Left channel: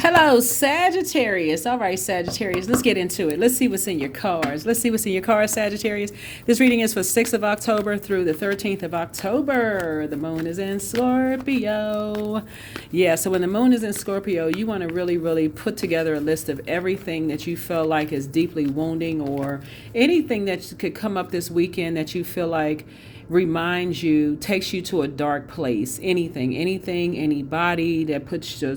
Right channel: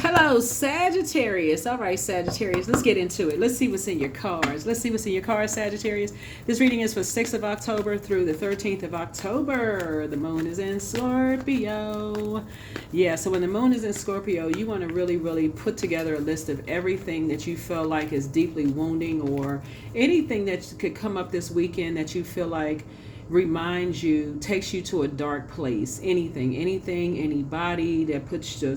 Hello, Sagittarius. All right, Sagittarius, let's get into it. Let's see what's in your cards. Let's see what's in your cards, Sagittarius. This reading is for 6th of October through the 13th of October. The moon is in Scorpio. Yeah, so when the moon is in Scorpio, you want to really, really put together a list of everything that you feel like is deeply wounding, or anything that could come up this weekend that you feel like reminds you, takes you to a dark place. Anything, anybody that puts your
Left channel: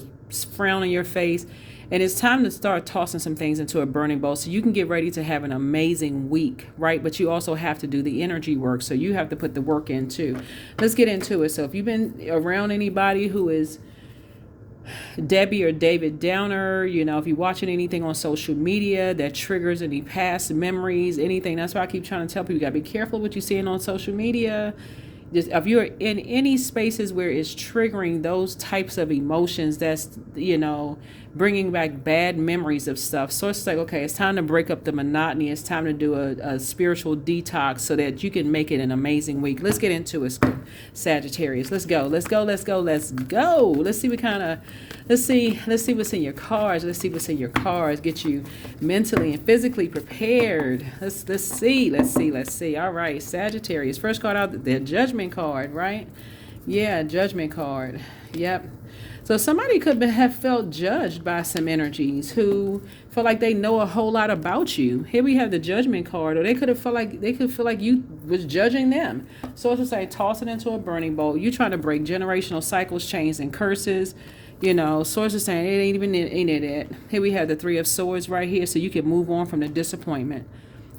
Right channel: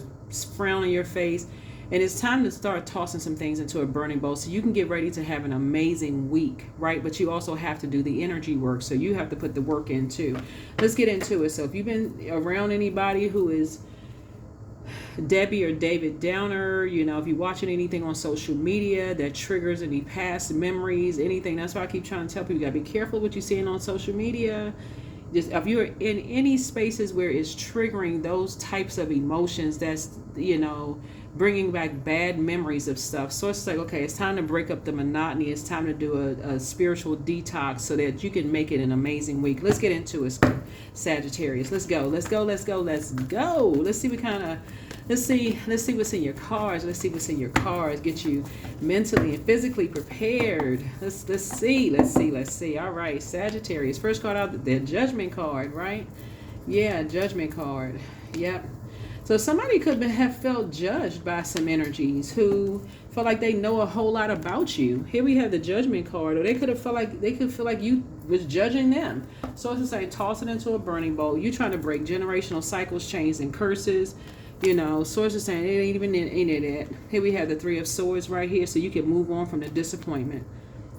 frown on your face. And it's time to start tossing some things into a burning bowl so you can get ready to have an amazing week, right? But you also have to do the energy work, so you have to put the work in too. Let's get into it. So if you've been around anybody who is Debbie or David Downer, if you're watching anything on social media that triggers any past memories, anything, that's why I keep trying to tell people, you gotta be careful what you're seeing on social media. Just if you're in any spaces where it's triggering those types of emotions, that's bringing back bad memories of stuff. So it's like, okay, it's time to break up the monotony. It's time to do a spiritual detox so that you can make it an amazing week. Let's get into it, Sagittarius. Let's go. Let's see what kind of let's see what's in your cards. Get you mentally and physically prepared. Let's see. All right, Sagittarius. First card out, the Judgment card, right? Yeah, Judgment card. Yep. So somebody could have felt judged by some energies who feel like they know a whole lot about you. Here we have the Judgment card, or they could feel like you was judging them. So it's just like toss it into a burning bowl. You trying to break generational cycles, chains, and curses. Swords are saying it ain't even in it. Here we have the Three of Swords right here, so you can move on from the disappointment.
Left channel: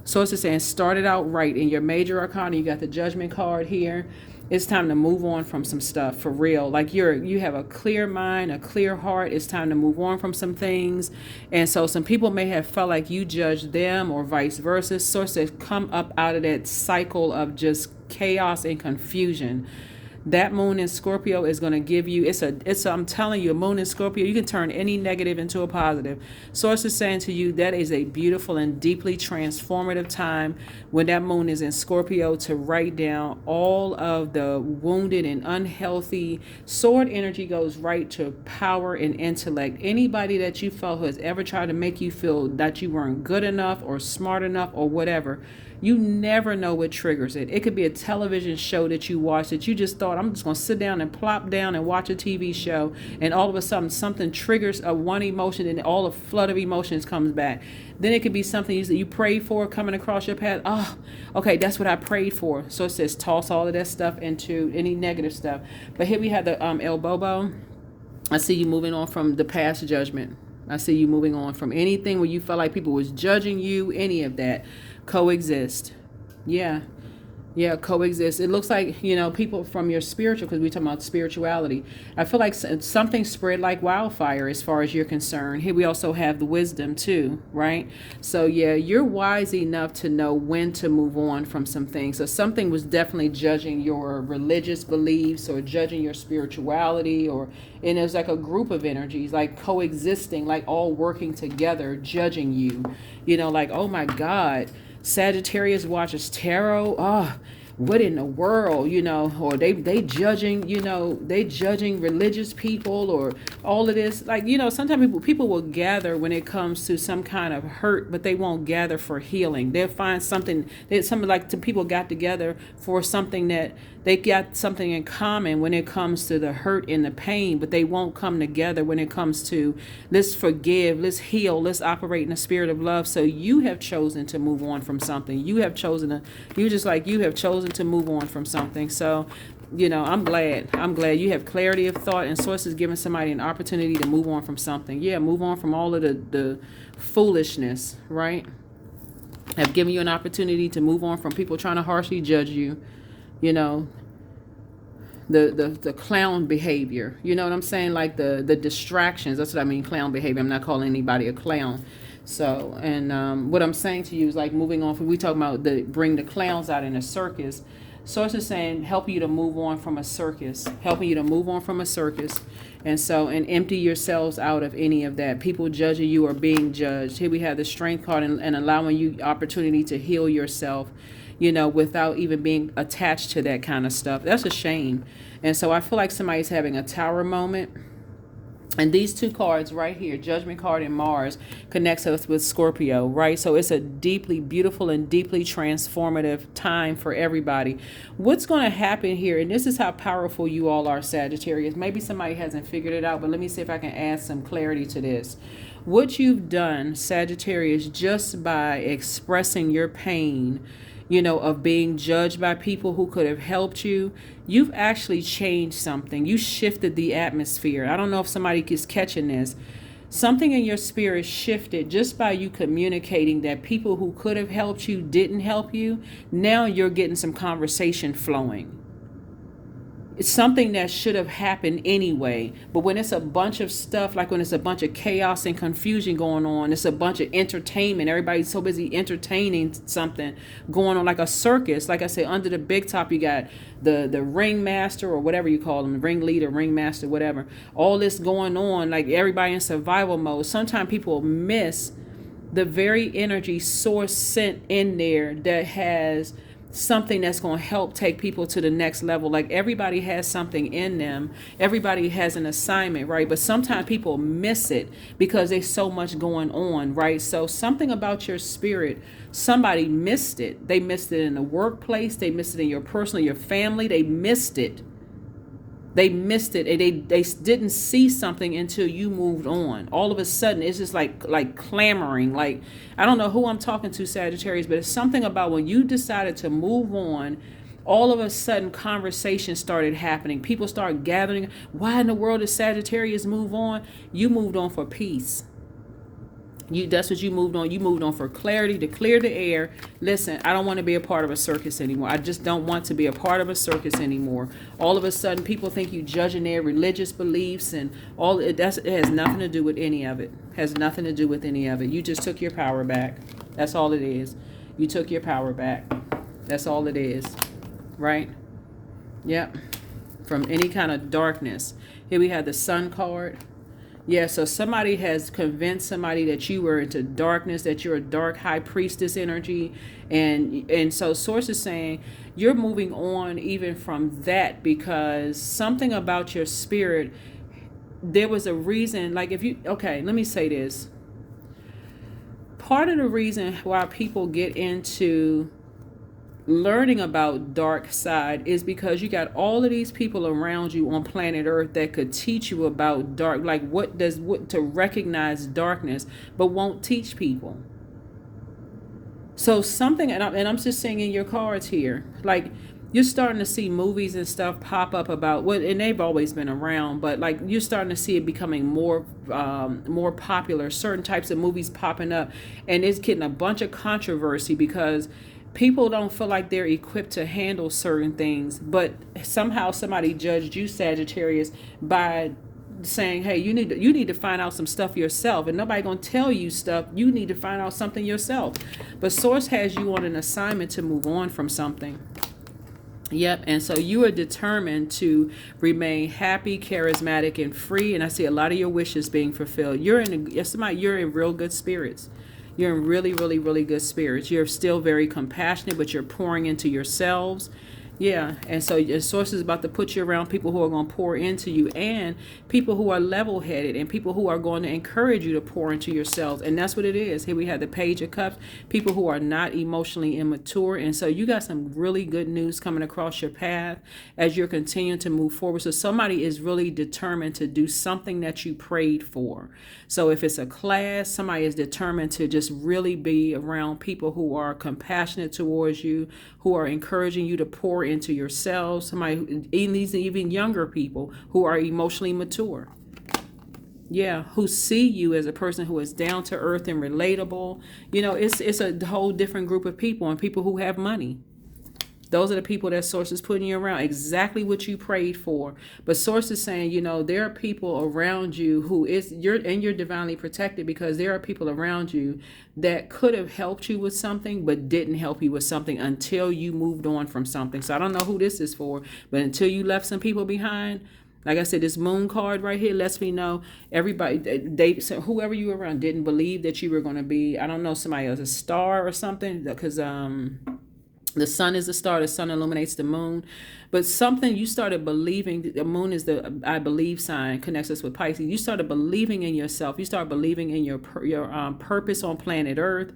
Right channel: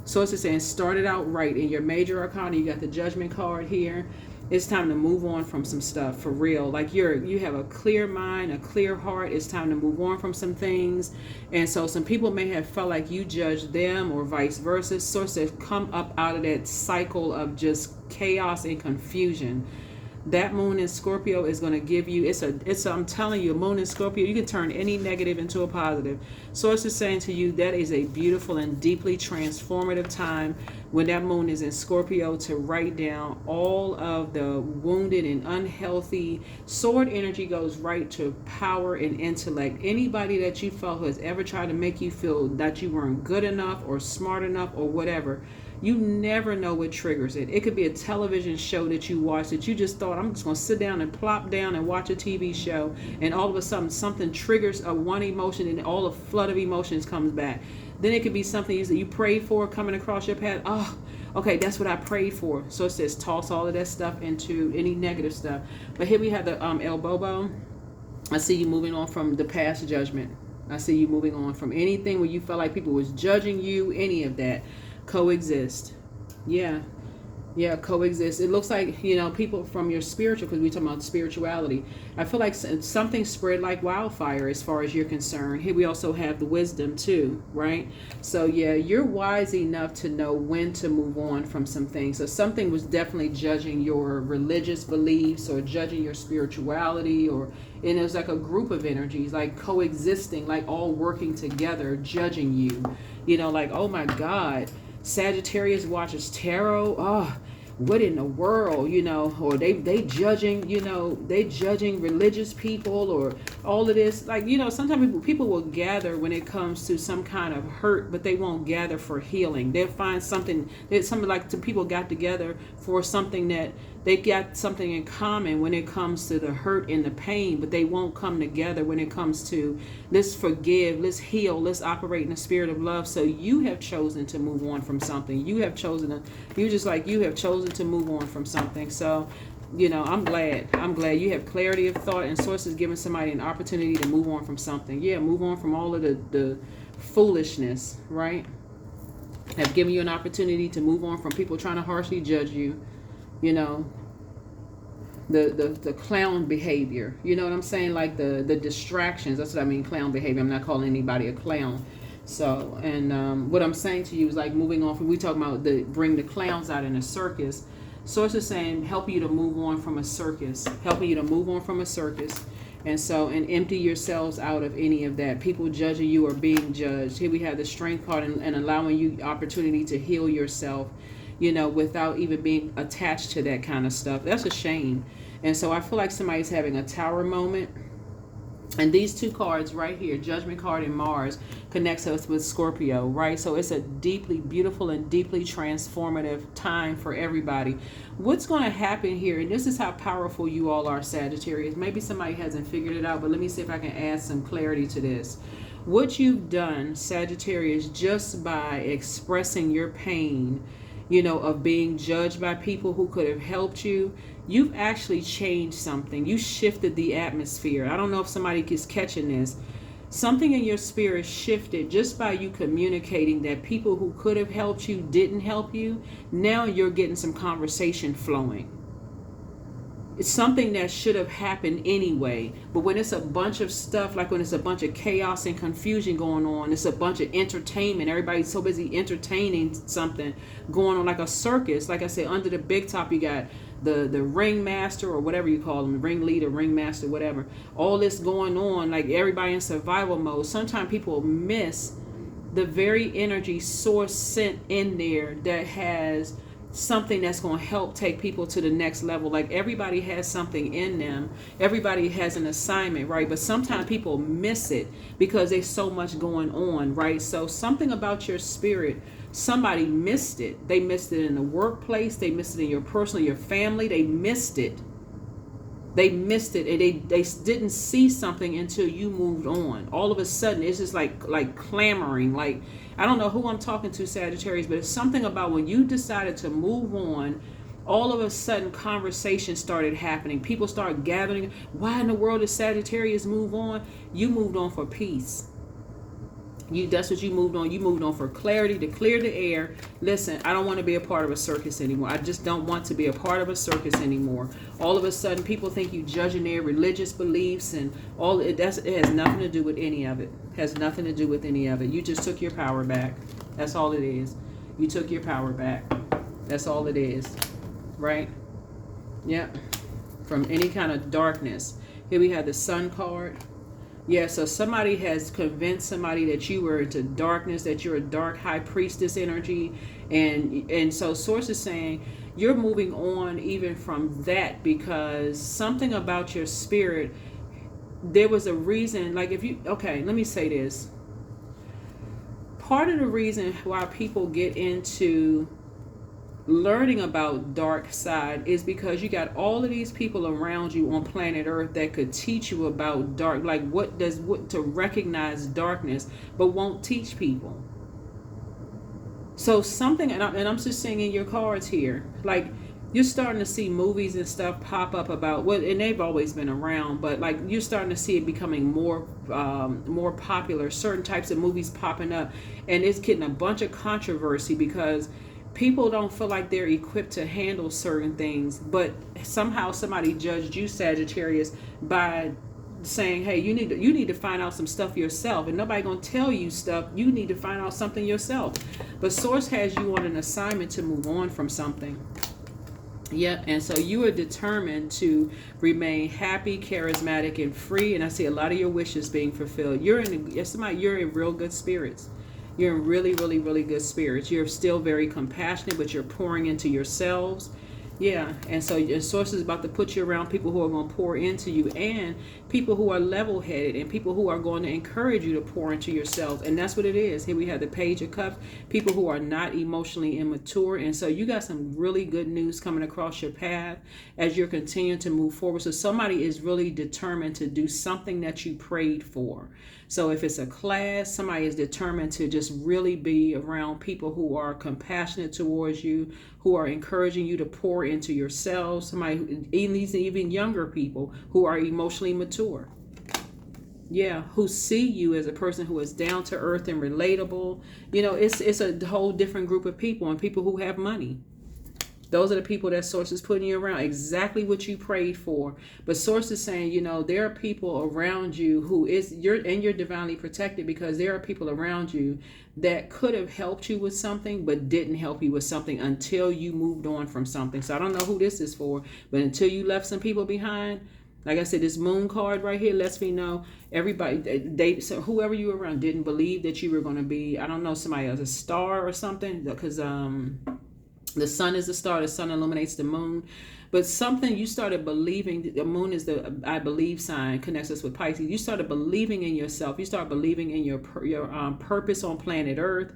Swords are saying start it out right. In your major arcana, you got the Judgment card here. It's time to move on from some stuff for real. Like you have a clear mind, a clear heart. It's time to move on from some things. And so some people may have felt like you judged them or vice versa. Source has come up out of that cycle of just chaos and confusion. That moon in Scorpio is going to give you, I'm telling you, a moon in Scorpio, you can turn any negative into a positive. Source is saying to you that is a beautiful and deeply transformative time when that moon is in Scorpio, to write down all of the wounded and unhealthy. Sword energy goes right to power and intellect. Anybody that you felt has ever tried to make you feel that you weren't good enough or smart enough or whatever, you never know what triggers it. It could be a television show that you watch that you just thought, I'm just going to sit down and plop down and watch a TV show, and all of a sudden something triggers a one emotion and all the flood of emotions comes back. Then it could be something that you prayed for coming across your path. Oh, okay, that's what I prayed for. So it says toss all of that stuff into any negative stuff. But here we have the El Bobo. I see you moving on from the past judgment. I see you moving on from anything where you felt like people was judging you, any of that. Coexist. Yeah, coexist. It looks like, people from your spiritual, because we talk about spirituality. I feel like something spread like wildfire as far as you're concerned. Here we also have the wisdom too, right? So yeah, you're wise enough to know when to move on from some things. So something was definitely judging your religious beliefs or judging your spirituality, and it was like a group of energies, like coexisting, like all working together, judging you. Like, oh my God, Sagittarius watches tarot. Oh, what in the world, or they judging, they judging religious people or all of this. Like, sometimes people will gather when it comes to some kind of hurt, but they won't gather for healing. They'll find something that people got together for something that they got something in common when it comes to the hurt and the pain, but they won't come together when it comes to let's forgive, let's heal, let's operate in the spirit of love. So you have chosen to move on from something. You have chosen to move on from something. So, I'm glad you have clarity of thought, and sources giving somebody an opportunity to move on from something. Yeah, move on from all of the foolishness, right? Have given you an opportunity to move on from people trying to harshly judge you. The clown behavior, you know what I'm saying? Like the distractions. That's what I mean, clown behavior. I'm not calling anybody a clown. So, and what I'm saying to you is like moving on from, we talk about bring the clowns out in a circus. Source is saying help you to move on from a circus, and empty yourselves out of any of that. People judging you or being judged. Here we have the Strength card, and allowing you opportunity to heal yourself, without even being attached to that kind of stuff. That's a shame. And so I feel like somebody's having a tower moment. And these two cards right here, Judgment card and Mars, connects us with Scorpio, right? So it's a deeply beautiful and deeply transformative time for everybody. What's going to happen here, and this is how powerful you all are, Sagittarius. Maybe somebody hasn't figured it out, but let me see if I can add some clarity to this. What you've done, Sagittarius, just by expressing your pain, of being judged by people who could have helped you, you've actually changed something. You shifted the atmosphere. I don't know if somebody is catching this. Something in your spirit shifted just by you communicating that people who could have helped you didn't help you. Now you're getting some conversation flowing. It's something that should have happened anyway. But when it's a bunch of stuff, like when it's a bunch of chaos and confusion going on, it's a bunch of entertainment. Everybody's so busy entertaining something going on, like a circus. Like I said, under the big top, you got the ringmaster or whatever you call them, the ringleader, ringmaster, whatever. All this going on, like everybody in survival mode. Sometimes people miss the very energy source sent in there that has something that's going to help take people to the next level. Like everybody has something in them, everybody has an assignment, right? But sometimes people miss it because there's so much going on, right? So something about your spirit, somebody missed it. They missed it in the workplace, they missed it in your personal, your family, they missed it. They missed it, and they didn't see something until you moved on. All of a sudden, it's just like clamoring. Like, I don't know who I'm talking to, Sagittarius, but it's something about when you decided to move on, all of a sudden conversations started happening. People started gathering. Why in the world did Sagittarius move on? You moved on for peace. That's what you moved on. You moved on for clarity, to clear the air. Listen, I don't want to be a part of a circus anymore. I just don't want to be a part of a circus anymore. All of a sudden, people think you judging their religious beliefs and all. It has nothing to do with any of it. Has nothing to do with any of it. You just took your power back. That's all it is. You took your power back. That's all it is. Right? Yep. From any kind of darkness. Here we have the Sun card. Yeah, so somebody has convinced somebody that you were into darkness, that you're a dark high priestess energy. And so Source is saying you're moving on even from that because something about your spirit, there was a reason. Like okay, let me say this. Part of the reason why people get into learning about dark side is because you got all of these people around you on planet Earth that could teach you about dark, like what to recognize darkness, but won't teach people. So something, and I'm just saying in your cards here, like you're starting to see movies and stuff pop up about what, and they've always been around, but like you're starting to see it becoming more popular. Certain types of movies popping up, and it's getting a bunch of controversy because people don't feel like they're equipped to handle certain things, but somehow somebody judged you, Sagittarius, by saying, hey, you need to find out some stuff yourself, and nobody gonna tell you stuff. You need to find out something yourself. But Source has you on an assignment to move on from something. Yep, and so you are determined to remain happy, charismatic, and free. And I see a lot of your wishes being fulfilled. You're in real good spirits. You're in really, really, really good spirits. You're still very compassionate, but you're pouring into yourselves. Yeah, and so your Source is about to put you around people who are going to pour into you, and people who are level-headed, and people who are going to encourage you to pour into yourselves. And that's what it is. Here we have the Page of Cups, people who are not emotionally immature. And so you got some really good news coming across your path as you're continuing to move forward. So somebody is really determined to do something that you prayed for. So if it's a class, somebody is determined to just really be around people who are compassionate towards you, who are encouraging you to pour into yourselves. Somebody, even younger people who are emotionally mature. Yeah, who see you as a person who is down to earth and relatable. It's a whole different group of people, and people who have money. Those are the people that Source is putting you around, exactly what you prayed for. But Source is saying, there are people around you you're divinely protected, because there are people around you that could have helped you with something, but didn't help you with something until you moved on from something. So I don't know who this is for, but until you left some people behind, like I said, this Moon card right here lets me know so whoever you were around didn't believe that you were going to be, I don't know, somebody else, a star or something, because the sun is the star, the sun illuminates the moon. but something you started believing. The moon is the I believe sign, connects us with Pisces. You started believing in yourself. You start believing in your purpose on planet Earth.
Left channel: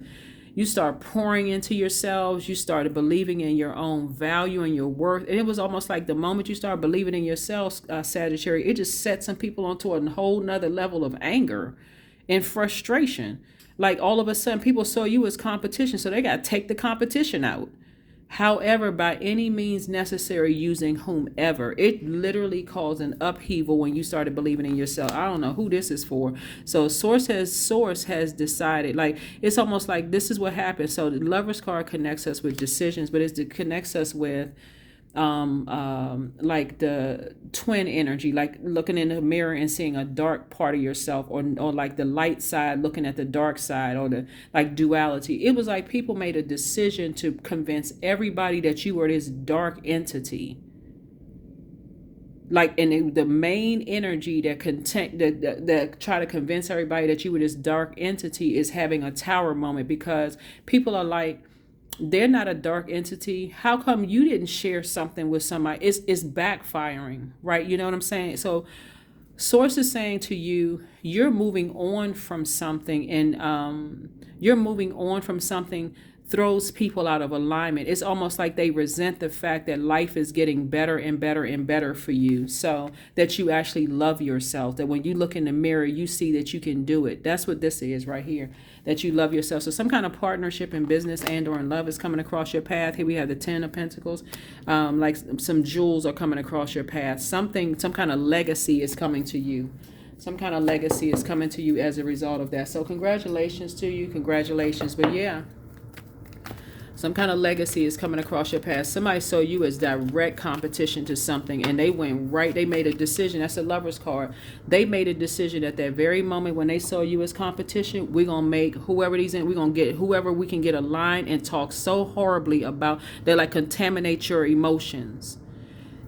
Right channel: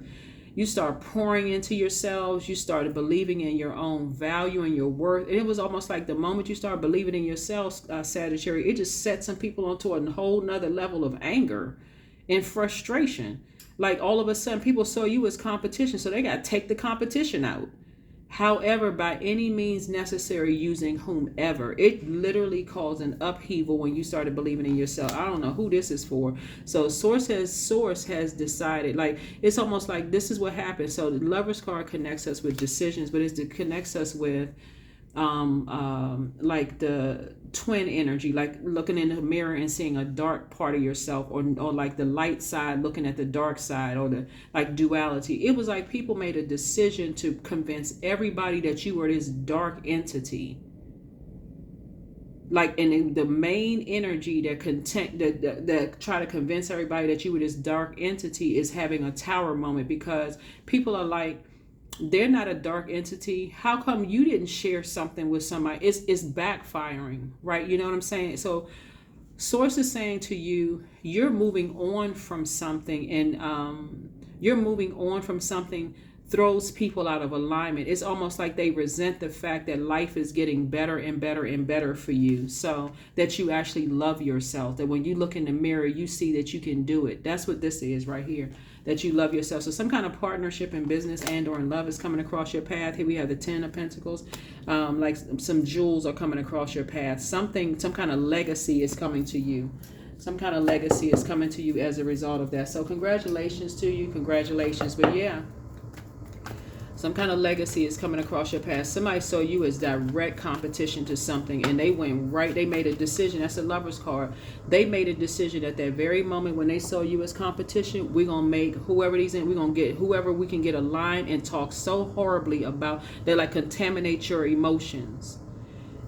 You start pouring into yourselves. You started believing in your own value and your worth. And it was almost like the moment you start believing in yourself, Sagittarius, it just set some people onto a whole nother level of anger and frustration. Like all of a sudden, people saw you as competition, so they got to take the competition out. However, by any means necessary, using whomever. It literally caused an upheaval when you started believing in yourself. I don't know who this is for. So source has decided, like, it's almost like this is what happens. So the Lover's card connects us with decisions, but it connects us with like the twin energy, like looking in the mirror and seeing a dark part of yourself, or like the light side looking at the dark side, or the like duality. It was like people made a decision to convince everybody that you were this dark entity. Like, and the main energy that try to convince everybody that you were this dark entity is having a tower moment, because people are like, they're not a dark entity. How come you didn't share something with somebody? It's backfiring, right? You know what I'm saying? So source is saying to you, you're moving on from something, and you're moving on from something throws people out of alignment. It's almost like they resent the fact that life is getting better and better and better for you, so that you actually love yourself, that when you look in the mirror, you see that you can do it. That's what this is right here, that you love yourself. So some kind of partnership in business and or in love is coming across your path. Here we have the 10 of Pentacles. Like some jewels are coming across your path. Some kind of legacy is coming to you. Some kind of legacy is coming to you as a result of that. So congratulations to you. Congratulations. But yeah, some kind of legacy is coming across your path. Somebody saw you as direct competition to something, and they went right. They made a decision. That's a Lover's card. They made a decision at that very moment when they saw you as competition. We're gonna make whoever these in. We're gonna get whoever we can get aligned and talk so horribly about. They like contaminate your emotions,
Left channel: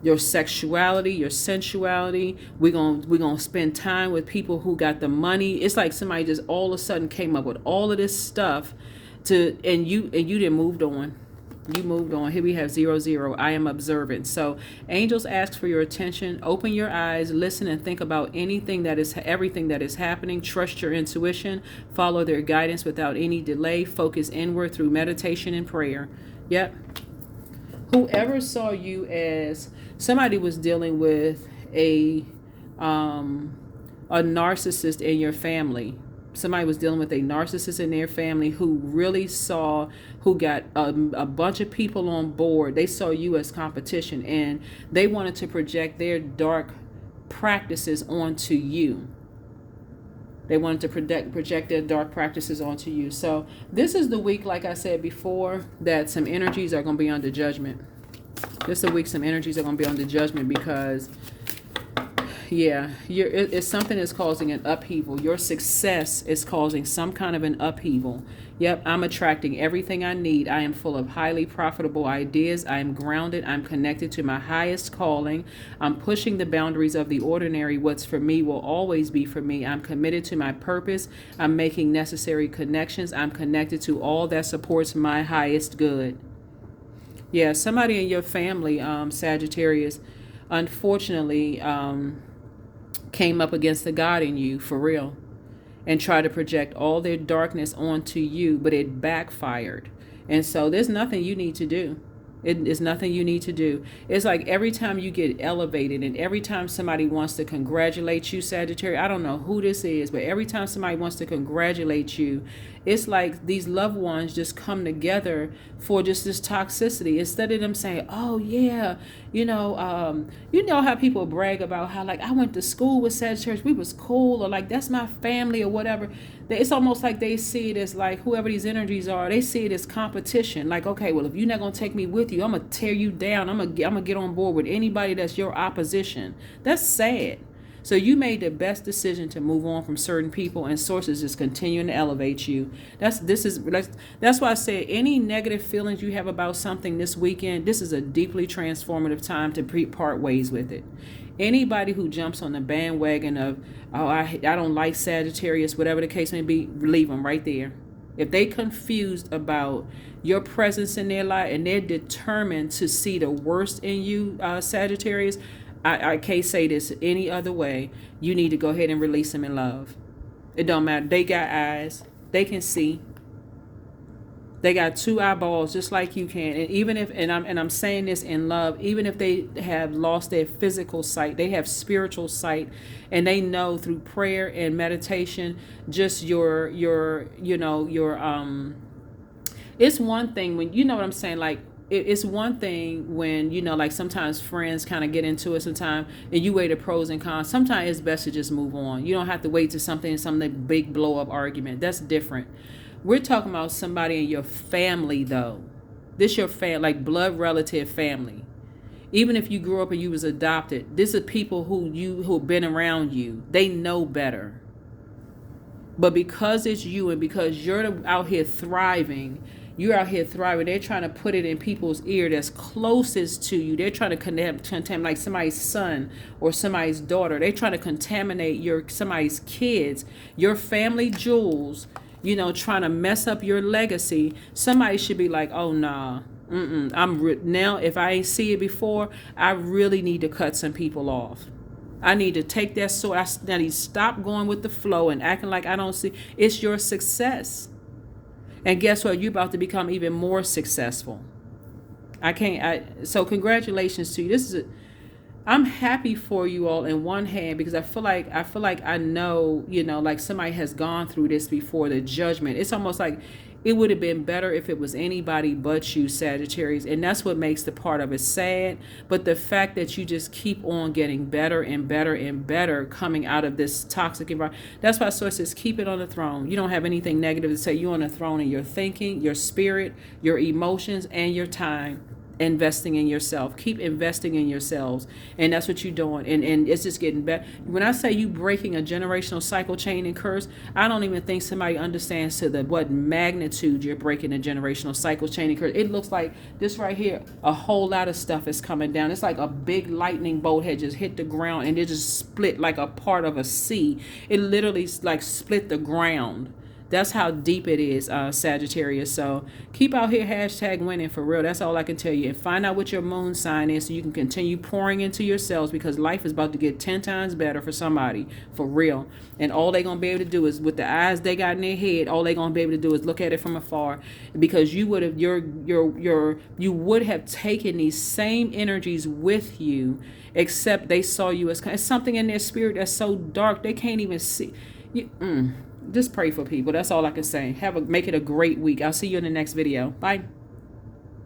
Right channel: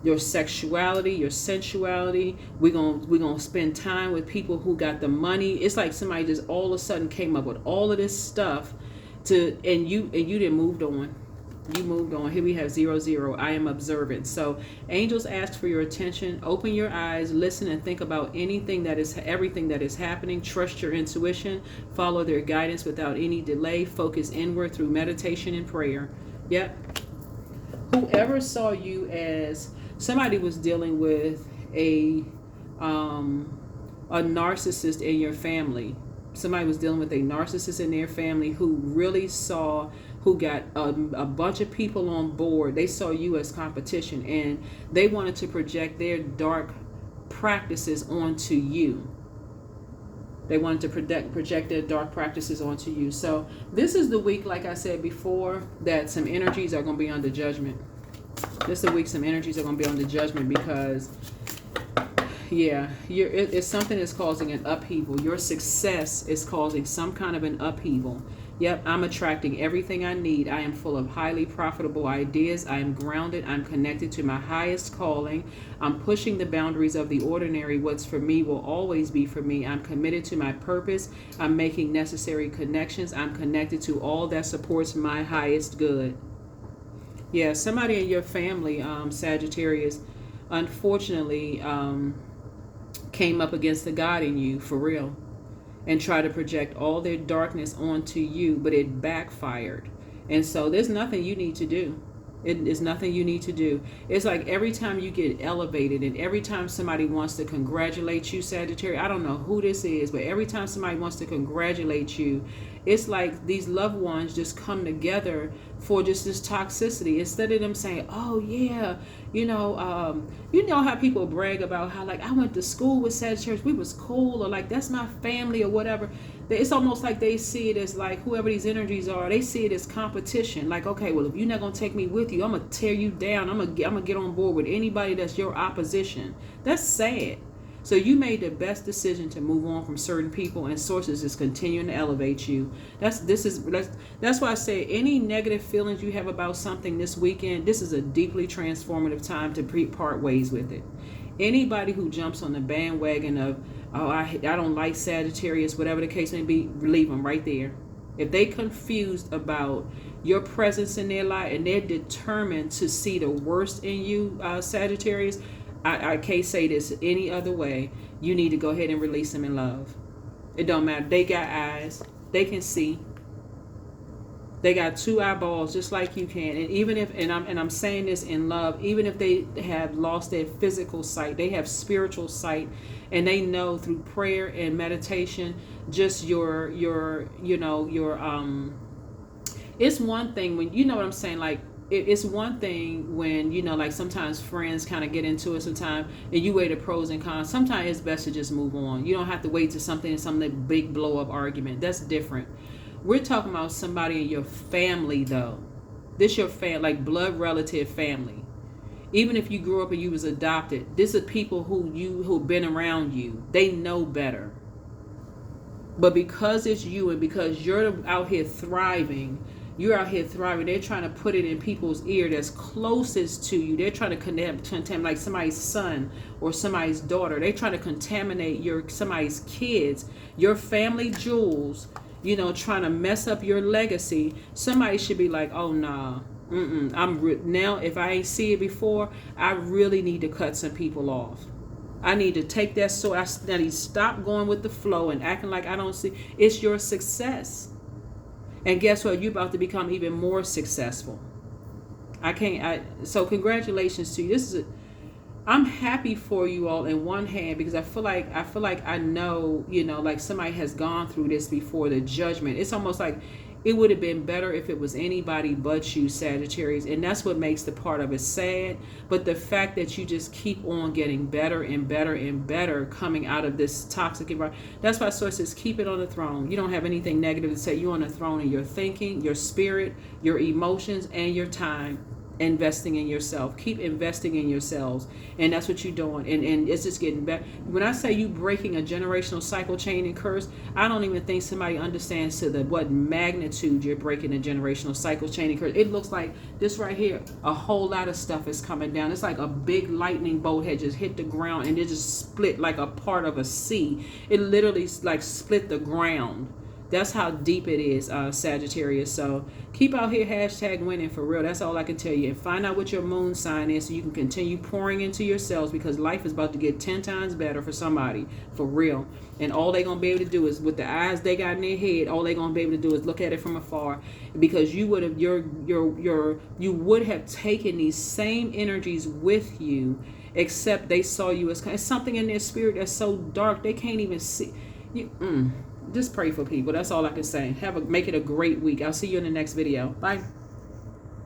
your sexuality, your sensuality. We're gonna spend time with people who got the money. It's like somebody just all of a sudden came up with all of this stuff. And you didn't moved on. You moved on. Here we have 0, I am observant. So angels ask for your attention. Open your eyes, listen, and think about everything that is happening. Trust your intuition. Follow their guidance without any delay. Focus inward through meditation and prayer. Yep. Whoever saw you as somebody was dealing with a narcissist in your family. Somebody was dealing with a narcissist in their family who got a bunch of people on board. They saw you as competition, and they wanted to project their dark practices onto you. They wanted to project their dark practices onto you. So this is the week, like I said before, that some energies are going to be under judgment. This is the week some energies are going to be under judgment, because yeah, it's something that's causing an upheaval. Your success is causing some kind of an upheaval. Yep, I'm attracting everything I need. I am full of highly profitable ideas. I am grounded. I'm connected to my highest calling. I'm pushing the boundaries of the ordinary. What's for me will always be for me. I'm committed to my purpose. I'm making necessary connections. I'm connected to all that supports my highest good. Yeah, somebody in your family, Sagittarius, unfortunately, came up against the God in you, for real, and tried to project all their darkness onto you, but it backfired. And so there's nothing you need to do. It is nothing you need to do. It's like every time you get elevated, and every time somebody wants to congratulate you, Sagittarius, I don't know who this is, but every time somebody wants to congratulate you, it's like these loved ones just come together for just this toxicity. Instead of them saying, oh yeah, you know how people brag about how, like, I went to school with Sagittarius, we was cool, or like, that's my family, or whatever. It's almost like they see it as, like, whoever these energies are, they see it as competition. Like, okay, well, if you're not gonna take me with you, I'm gonna tear you down. I'm gonna get on board with anybody that's your opposition. That's sad. So you made the best decision to move on from certain people, and sources is continuing to elevate you. That's why I say any negative feelings you have about something this weekend, this is a deeply transformative time to part ways with it. Anybody who jumps on the bandwagon of, oh, I don't like Sagittarius, whatever the case may be, leave them right there. If they confused about your presence in their life and they're determined to see the worst in you, Sagittarius, I can't say this any other way. You need to go ahead and release them in love. It don't matter. They got eyes. They can see. They got two eyeballs just like you can. And even if, and I'm saying this in love, even if they have lost their physical sight, they have spiritual sight, and they know through prayer and meditation, just your it's one thing when, you know what I'm saying, like, it's one thing when, like sometimes friends kind of get into it sometimes and you weigh the pros and cons. Sometimes it's best to just move on. You don't have to wait to some big blow up argument. That's different. We're talking about somebody in your family, though. This your like blood relative family. Even if you grew up and you was adopted, this is people who've been around you. They know better. But because it's you and because you're out here thriving, they're trying to put it in people's ear that's closest to you. They're trying to contaminate like somebody's son or somebody's daughter. They're trying to contaminate somebody's kids, your family jewels, trying to mess up your legacy. Somebody should be like, oh, nah, now if I ain't see it before, I really need to cut some people off. I need to take that sword. I need to stop going with the flow and acting like I don't see. It's your success. And guess what? You're about to become even more successful. So congratulations to you. I'm happy for you all in one hand, because I feel like I know, like somebody has gone through this before, the judgment. It's almost like it would have been better if it was anybody but you, Sagittarius. And that's what makes the part of it sad. But the fact that you just keep on getting better and better and better coming out of this toxic environment. That's why Source says keep it on the throne. You don't have anything negative to say. You're on the throne in your thinking, your spirit, your emotions, and your time. Investing in yourself. Keep investing in yourselves, and that's what you're doing, and it's just getting better. When I say you breaking a generational cycle, chain, and curse, I don't even think somebody understands to what magnitude you're breaking a generational cycle, chain, and curse. It looks like this right here, a whole lot of stuff is coming down. It's like a big lightning bolt had just hit the ground and it just split like a part of a sea. It literally like split the ground. That's how deep it is, Sagittarius. So keep out here #winning for real. That's all I can tell you. And find out what your moon sign is so you can continue pouring into yourselves, because life is about to get 10 times better for somebody, for real. And all they're going to be able to do is, with the eyes they got in their head, all they're going to be able to do is look at it from afar, because you would have you would have taken these same energies with you, except they saw you as something in their spirit that's so dark they can't even see. Just pray for people. That's all I can say. Make it a great week. I'll see you in the next video. Bye.